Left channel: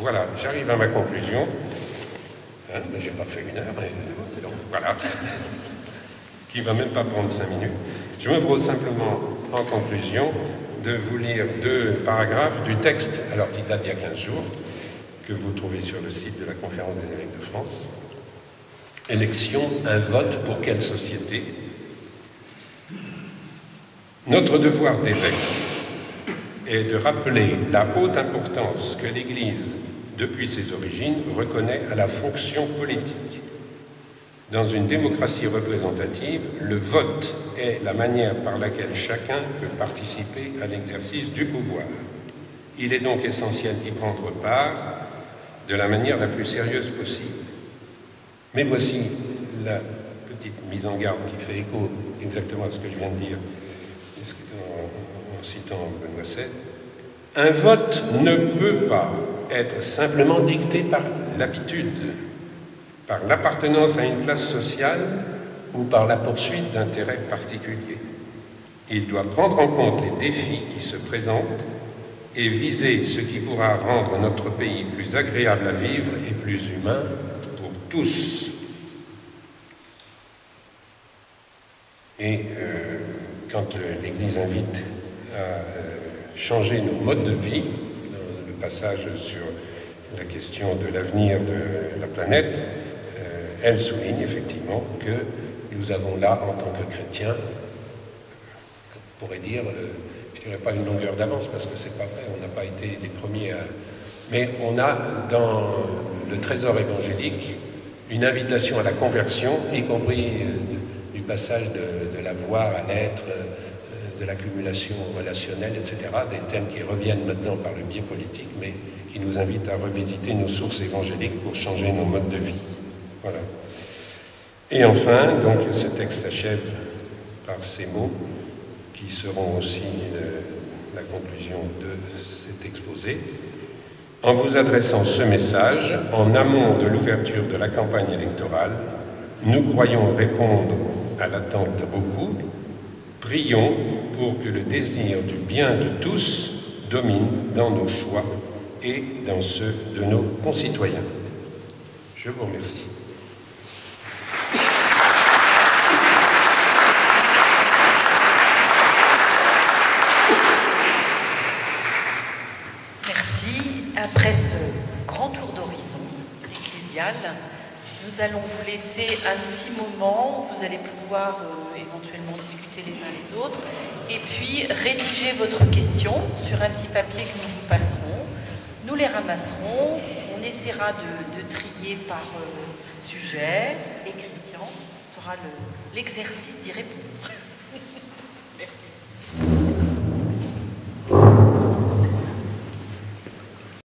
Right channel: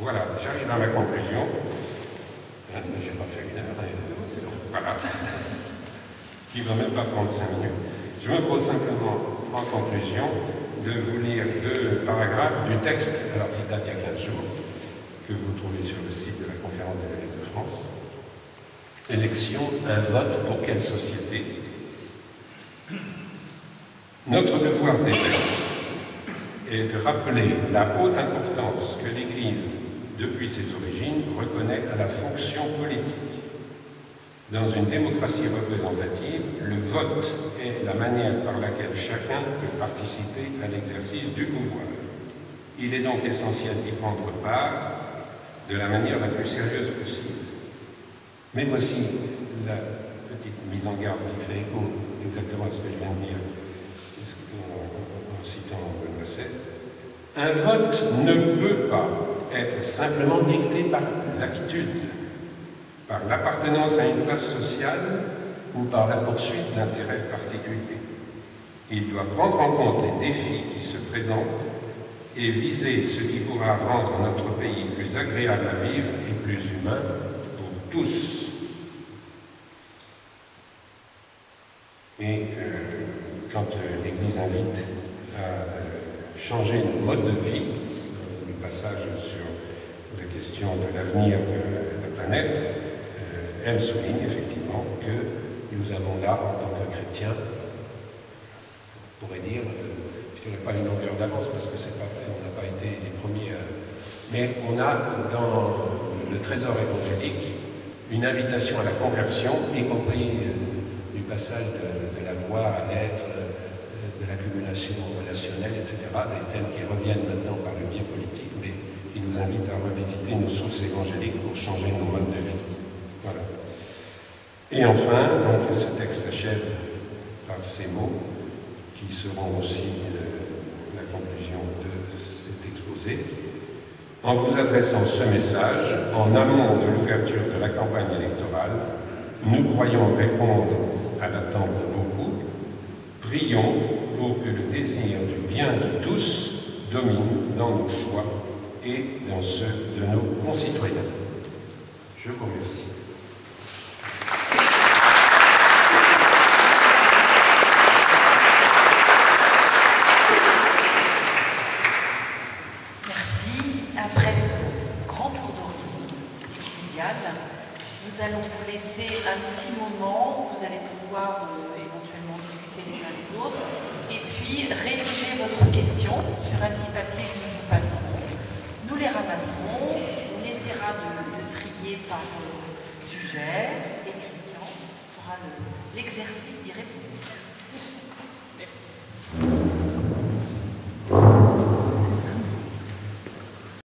Voilà, j'arrive à ma conclusion. Hein, j'ai pas fait une heure, mais c'est bon. Voilà. Qui ne va même pas prendre 5 minutes. Je me propose simplement, en conclusion, de vous lire 2 paragraphes du texte, alors qui date d'il y a 15 jours, que vous trouvez sur le site de la Conférence des évêques de France. Élection, un vote pour quelle société? Notre devoir d'évêque est de rappeler la haute importance que l'Église, depuis ses origines, reconnaît à la fonction politique. Dans une démocratie représentative, le vote est la manière par laquelle chacun peut participer à l'exercice du pouvoir. Il est donc essentiel d'y prendre part de la manière la plus sérieuse possible. Mais voici la petite mise en garde qui fait écho exactement à ce que je viens de dire en citant Benoît XVI. Un vote ne peut pas être simplement dicté par l'habitude, par l'appartenance à une classe sociale ou par la poursuite d'intérêts particuliers. Il doit prendre en compte les défis qui se présentent et viser ce qui pourra rendre notre pays plus agréable à vivre et plus humain pour tous. Et quand l'Église invite à changer nos modes de vie, le passage sur la question de l'avenir de la planète, elle souligne effectivement que nous avons là, en tant que chrétiens, on pourrait dire, puisqu'il n'y a pas une longueur d'avance, parce que c'est pas vrai, on n'a pas été les premiers à... Mais on a dans le trésor évangélique une invitation à la conversion, y compris du passage de la voix à l'être, de l'accumulation relationnelle, etc., des thèmes qui reviennent maintenant par le biais politique, mais qui nous invitent à revisiter nos sources évangéliques pour changer nos modes de vie. Voilà. Et enfin, donc, ce texte s'achève par ces mots qui seront aussi la conclusion de cet exposé. En vous adressant ce message, en amont de l'ouverture de la campagne électorale, nous croyons répondre à l'attente de beaucoup. Prions pour que le désir du bien de tous domine dans nos choix et dans ceux de nos concitoyens. Je vous remercie. Nous allons vous laisser un petit moment où vous allez pouvoir éventuellement discuter les uns les autres et puis rédiger votre question sur un petit papier que nous vous passerons. Nous les ramasserons, on essaiera de trier par sujet et Christian fera l'exercice d'y répondre.